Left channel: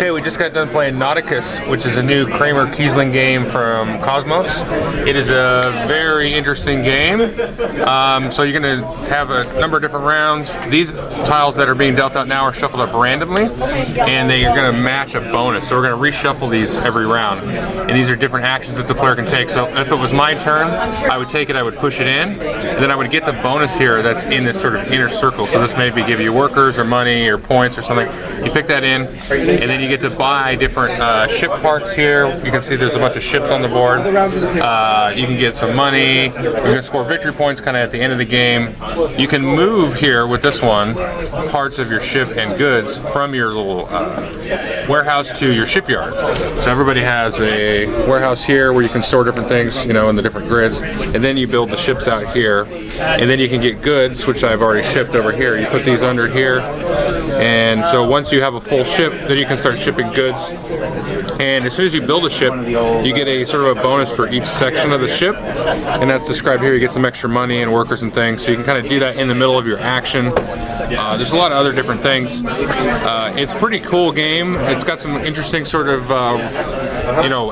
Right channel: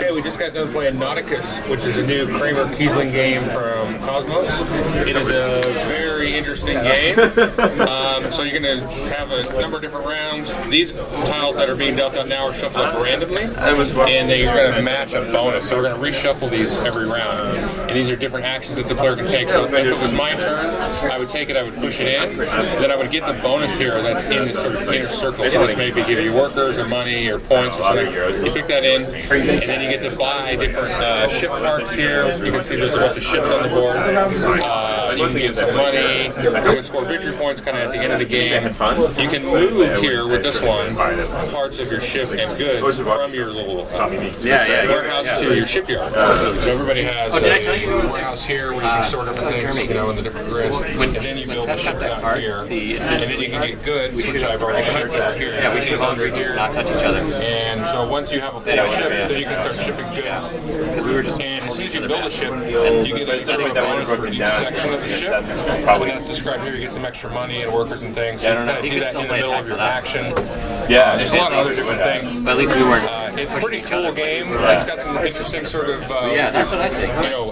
Hey, we just got done playing Nauticus, which is a new Kramer Kiesling game from Cosmos. It is a very interesting game. So you're going to have a number of different rounds. These tiles that are being dealt out now are shuffled up randomly, and they're going to match a bonus. So we're going to reshuffle these every round. And these are different actions that the player can take. So if it was my turn, I would take it, I would push it in, then I would get the bonus here that's in this sort of inner circle. So this maybe give you workers or money or points or something. You pick that in, and then you get to buy different ship parts here. You can see there's a bunch of ships on the board. You can get some money. You can score victory points kind of at the end of the game. You can move here with this one parts of your ship and goods from your little warehouse to your shipyard. So everybody has a warehouse here where you can store different things, you know, in the different grids, and then you build the ships out here, and then you can get goods, which I've already shipped over here. You put these under here, and so once you have a full ship, then you can start shipping goods, and as soon as you build a ship, you get a sort of a bonus for each section of the ship, and that's described here. You get some extra money and workers and things, so you can kind of do that in the middle of your action. There's a lot of other different things. It's a pretty cool game. It's got some interesting sort of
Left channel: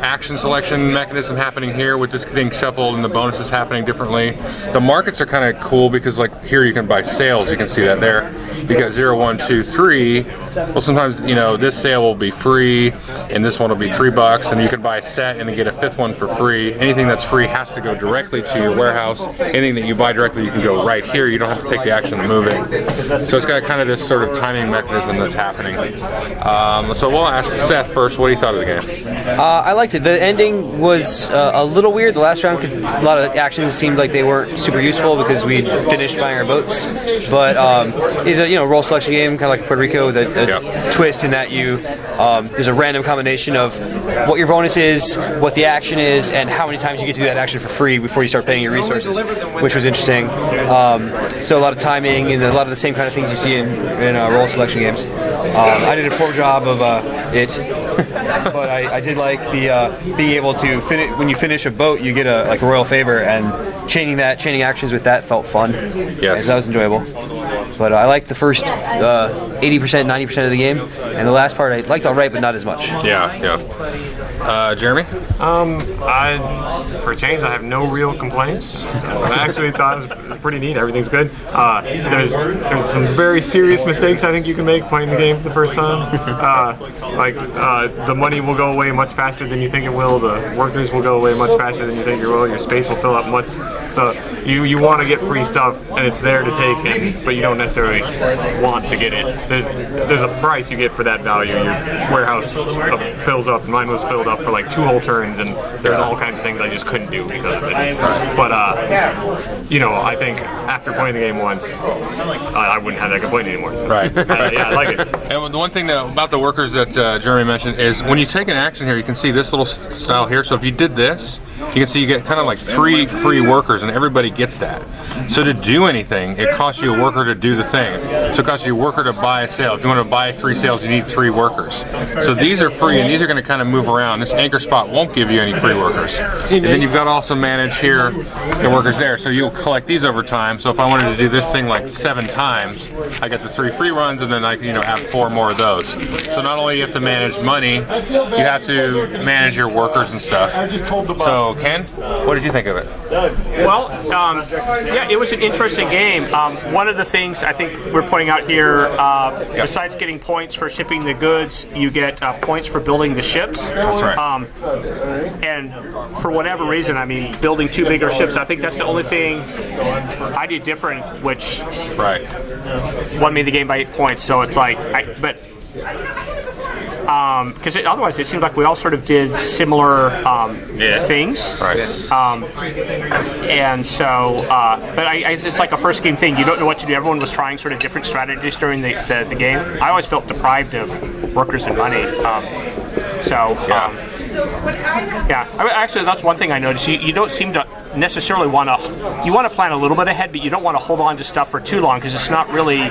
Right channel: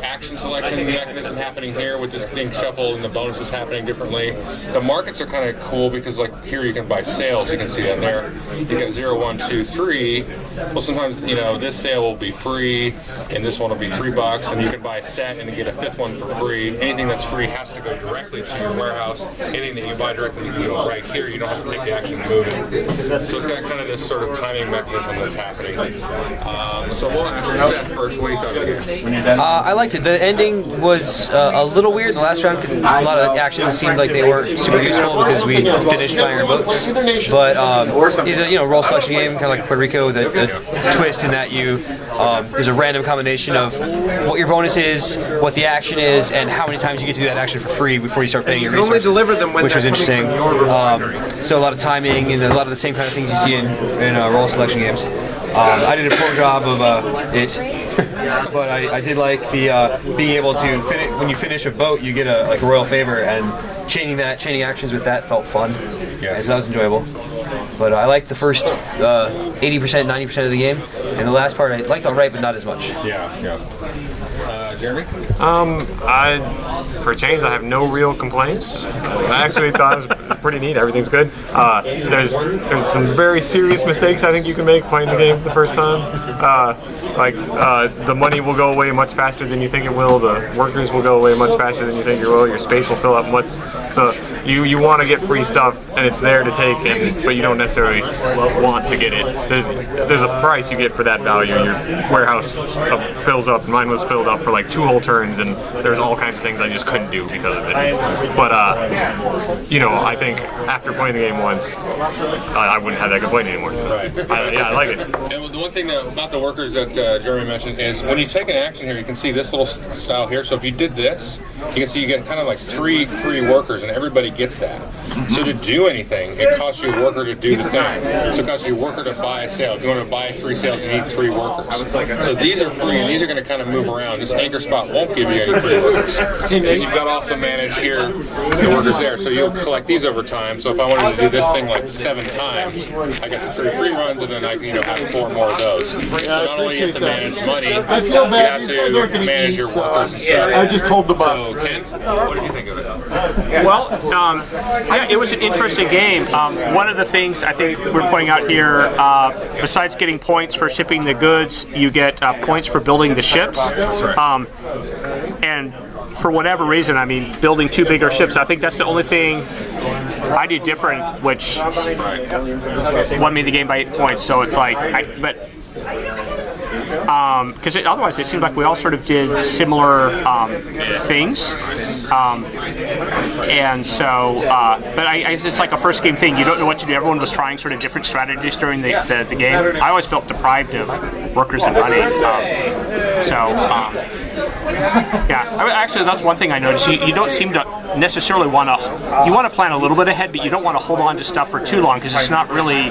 action selection mechanism happening here with this getting shuffled and the bonuses happening differently. The markets are kind of cool because like here you can buy sales. You can see that there. You got 0, 1, 2, 3. Well, sometimes this sale will be free, and this one will be $3, and you can buy a set and get a fifth one for free. Anything that's free has to go directly to your warehouse. Anything that you buy directly, you can go right here. You don't have to take the action of moving. So it's got kind of this sort of timing mechanism that's happening. So we'll ask Seth first. What do you thought of the game? I liked it. The ending was a little weird the last round because a lot of actions seemed like they weren't super useful because we finished buying our boats. But it's a role selection game, kind of like Puerto Rico, with a twist in that there's a random combination of what your bonus is, what the action is, and how many times you get to do that action for free before you start paying your resources, which was interesting. So a lot of timing and a lot of the same kind of things you see in role selection games. I did a poor job of it, but I did like the being able to finish. When you finish a boat, you get a royal favor, and chaining actions with that felt fun. Yes. So that was enjoyable. But I liked the first 80%, 90% of the game, and the last part I liked all right, but not as much. Jeremy? For a change, I have no real complaints. I actually thought it was pretty neat. Everything's good. There's some very serious mistakes I think you can make playing the game for the first time. The money will go away much faster than you think it will. The workers will go away much faster than you think it will. Your space will fill up much. So you want to get free stuff, and it's there to take, but you don't necessarily want to get it. There's a price you get for that value. Your warehouse fills up. Mine was filled up for like 2 whole turns, and there's all kinds of things I just couldn't do because of it. But I think after playing the game once, I wouldn't have that complaint anymore. So. Right. I like it. And the one thing about the workers that Jeremy mentioned is when you take an action here, you can see this little style here. So if you did this, you can see you get kind of like 3 free workers, and everybody gets that. So to do anything, it costs you a worker to do the thing. So it costs you a worker to buy a sale. If you want to buy 3 sales, you need 3 workers. So these are free, and these are going to kind of move around. This anchor spot won't give you any free workers. And then you've got to also manage here the workers there. So you'll collect these over time. So if I wanted to do this thing like 7 times, I got the 3 free runs, and then I have 4 more of those. So not only do you have to manage money, you have to manage your workers and stuff. I just hold the button. So Ken, what did you think of it? Well, it was an interesting game. One of the things I think we're pointing out here, besides getting points for shipping the goods, you get points for building the ships. That's right. And for whatever reason, building 2 bigger ships, I think that's the only thing I did different, which won me the game by 8 points. So it's like, because otherwise it seemed like we all sort of did similar things. And so, but it's like a first game thing. You don't know what to do. Everyone was trying sort of different strategies during the game. I always felt deprived of workers and money. Actually, that's one thing I noticed. You don't seem to necessarily want to. You want to plan a little bit ahead, but you don't want to hold on to stuff for too long because it's not really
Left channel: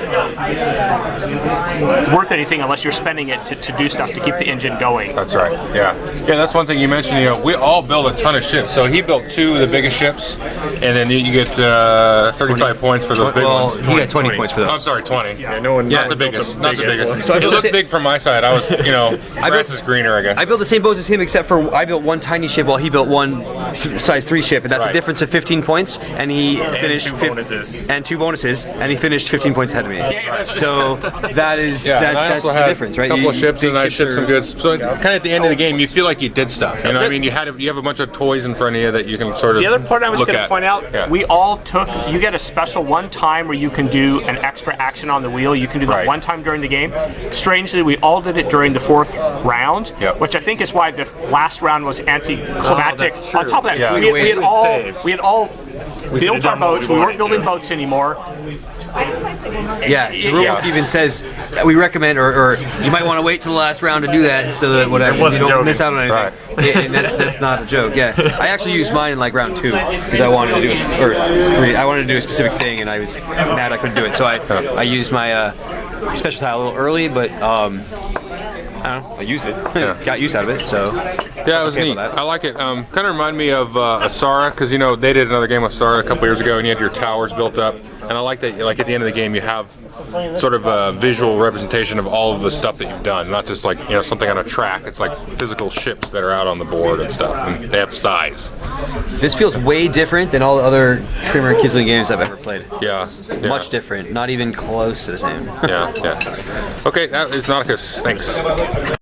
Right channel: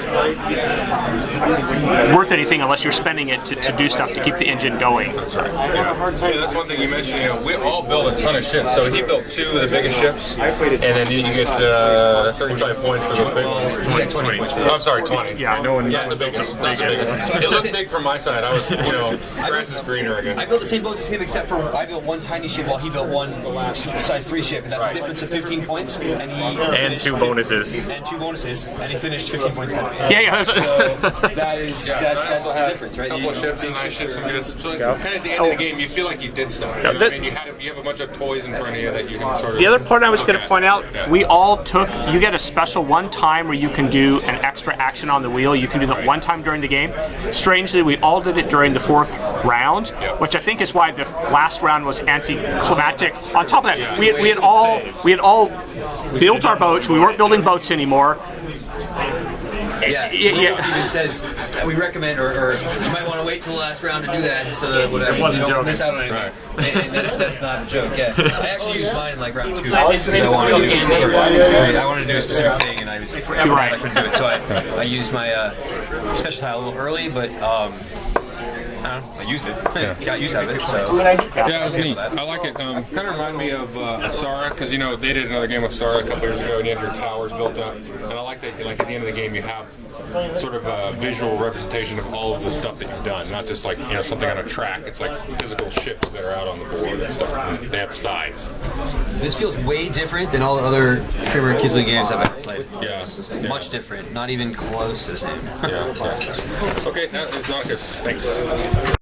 worth anything unless you're spending it to do stuff to keep the engine going. That's right. Yeah. Yeah, that's one thing you mentioned. You know, we all build a ton of ships. So he built 2 of the biggest ships, and then you get 35 points for the big ones. 20 points for those. I'm sorry, 20. Yeah. No one. Not the biggest. Not the biggest biggest. one. It looked big from my side. I was, you know, grass is greener, I guess. I built the same boats as him, except for I built one tiny ship while he built one size 3 ship, and that's a difference of 15 points. And he finished 2 bonuses. And 2 bonuses, and he finished 15 points ahead of me. Yeah. So that is that's the difference, right? A couple of ships, big and I shipped some goods. So kind of at the end of the game, you feel like you did stuff. You know what I mean? You have a bunch of toys in front of you that you can sort of. The other part I was look going to at. point out, Yeah. we all took. You get a special one time where you can do an extra action on the wheel. You can do that Right. one time during the game. Strangely, we all did it during the 4th round, Yep. which I think is why the last round was anticlimactic. that's true. On top of that, Yeah. we had all saved. built our done what boats. we We weren't wanted building to. boats anymore. Yeah, Yeah. It even says we recommend, or you might want to wait till the last round to do that, so that whatever It wasn't you don't joking. miss out on anything. Yeah, and that's not a joke. Yeah, I actually used mine in like round 2 because I wanted to do I wanted to do a specific thing, and I was mad I couldn't do it, so I used my special tile a little early, but I don't know, I used it, got use out of it, so Yeah, it was okay neat. with that. I like it. Kind of remind me of Asara, because you know they did another game of Asara a couple years ago, and you have your towers built up. And I like that. Like at the end of the game, you have sort of a visual representation of all of the stuff that you've done, not just like something on a track. It's like physical ships that are out on the board and stuff, and they have size. This feels way different than all the other Kramer and Kisling games I've ever played. Yeah. Much different, not even close to the same. Yeah. Okay, that is Nauticus. Thanks.